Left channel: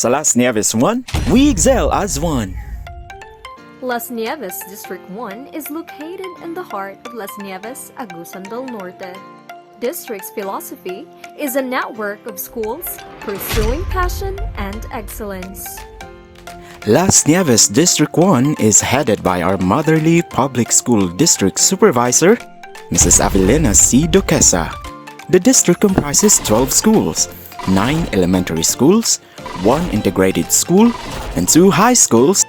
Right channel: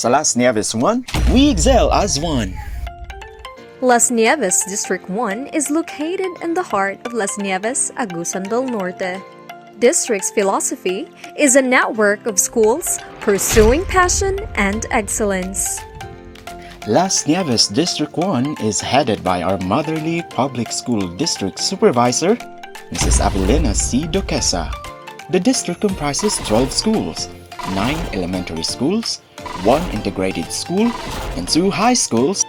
Sa LAS NIEVES I, we excel as one. Las Nieves District I is located in the heart of Las Nieves, Agusan del Norte. District's philosophy is a network of schools pursuing passion and excellence. LAS NIEVES District I is headed by our motherly public school district supervisor, Mrs. Avelina C. Duquesa. The district comprises 12 schools, 9 elementary schools, 1 integrated school, and 2 high schools.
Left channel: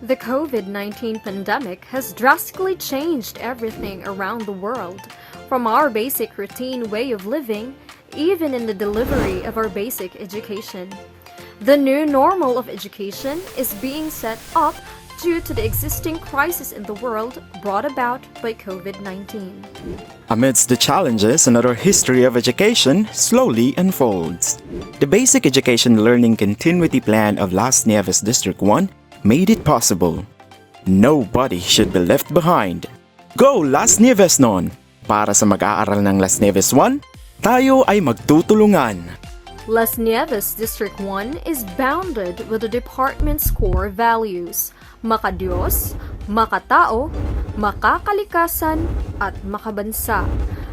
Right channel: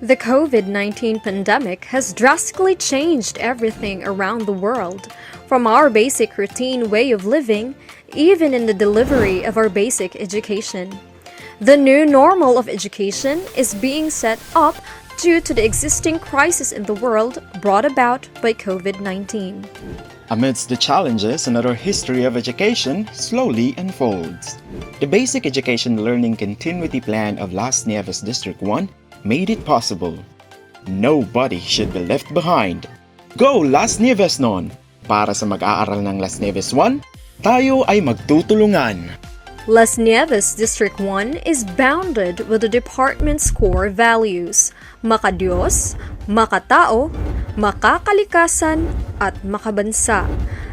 The COVID-19 pandemic has drastically changed everything around the world, from our basic routine way of living, even in the delivery of our basic education. The new normal of education is being set up due to the existing crisis in the world brought about by COVID-19. Amidst the challenges, another history of education slowly unfolds. The Basic Education Learning Continuity Plan of LAS NIEVES District I made it possible. Nobody should be left behind. Go LAS NIEVES non! Para sa mag-aaral ng LAS NIEVES I, tayo ay magtutulungan. Las Nieves District I is bounded with the department's core values: makadiyos, makatao, makakalikasan, at makabansa.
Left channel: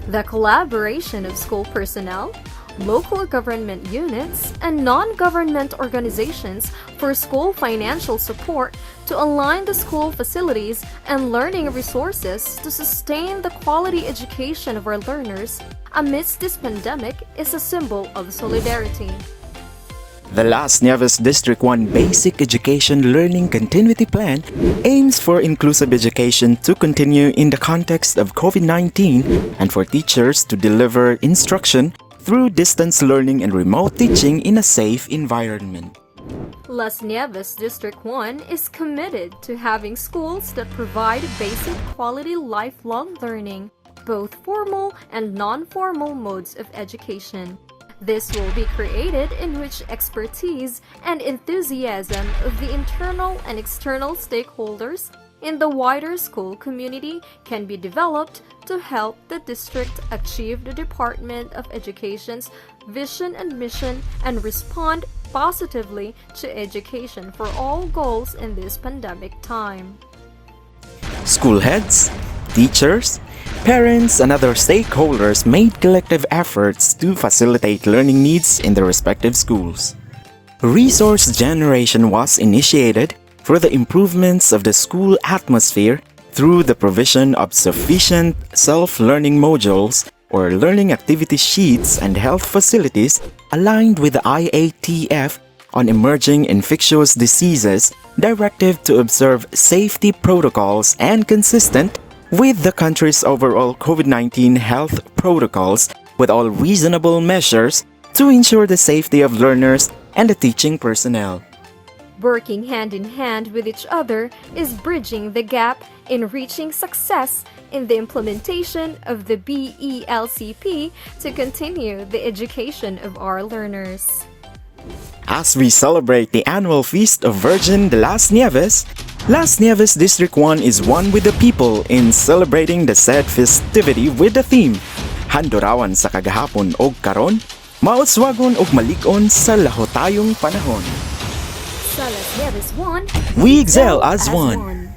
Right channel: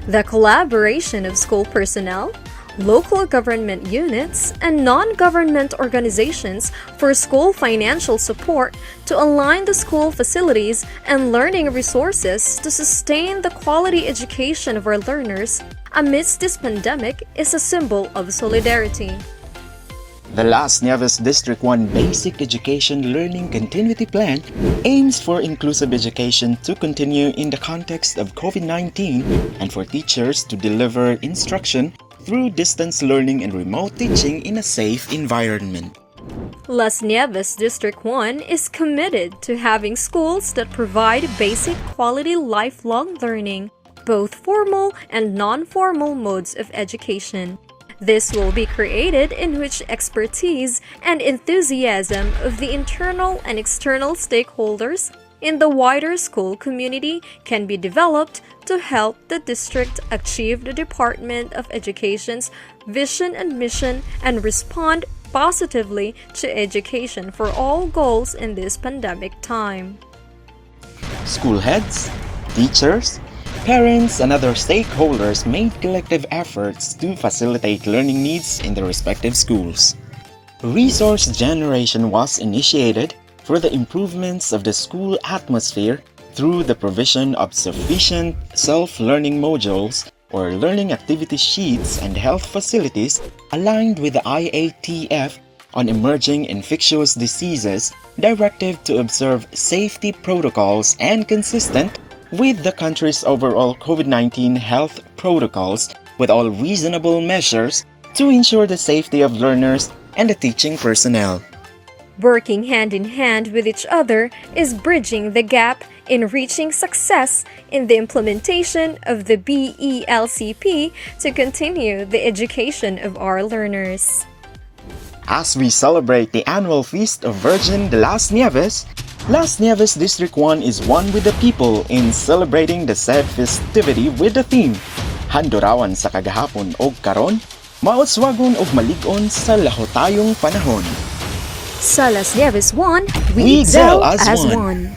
The collaboration of school personnel, local government units, and non-government organizations for school financial support to align the school facilities and learning resources to sustain the quality education of our learners amidst this pandemic is a symbol of solidarity. The LAS NIEVES District I Basic Education Learning Continuity Plan aims for inclusive education to continue in the context of COVID-19 and for teachers to deliver instruction through distance learning and remote teaching in a safe environment. Las Nieves District I is committed to having schools that provide basic quality lifelong learning, both formal and non-formal modes of education. This will be created in which expertise and enthusiasm of the internal and external stakeholders in the wider school community can be developed to help the district achieve the Department of Education's vision and mission and respond positively to education for all goals in this pandemic time. School heads, teachers, parents, and other stakeholders made collective efforts to facilitate learning needs in their respective schools. Resource generation was initiated for the improvements of the school atmosphere through the provision of sufficient self-learning modules or learning activity sheets and health facilities aligned with the IATF on emerging infectious diseases directive to observe safety protocols and consistent with the country's overall COVID-19 health protocols with all reasonable measures to ensure the safety of learners and the teaching personnel. Working hand in hand with each other is bridging the gap in reaching success in the implementation of the BELCP to continue the education of our learners. As we celebrate the annual Feast of Virgin de las Nieves, LAS NIEVES District I is one with the people in celebrating the said festivity with the theme Handurawan sa Kagahapon og Karun, Mauswagon og Malig-on sa Lahutay'ng Panahon. Sa Las Nieves I, We excel as one.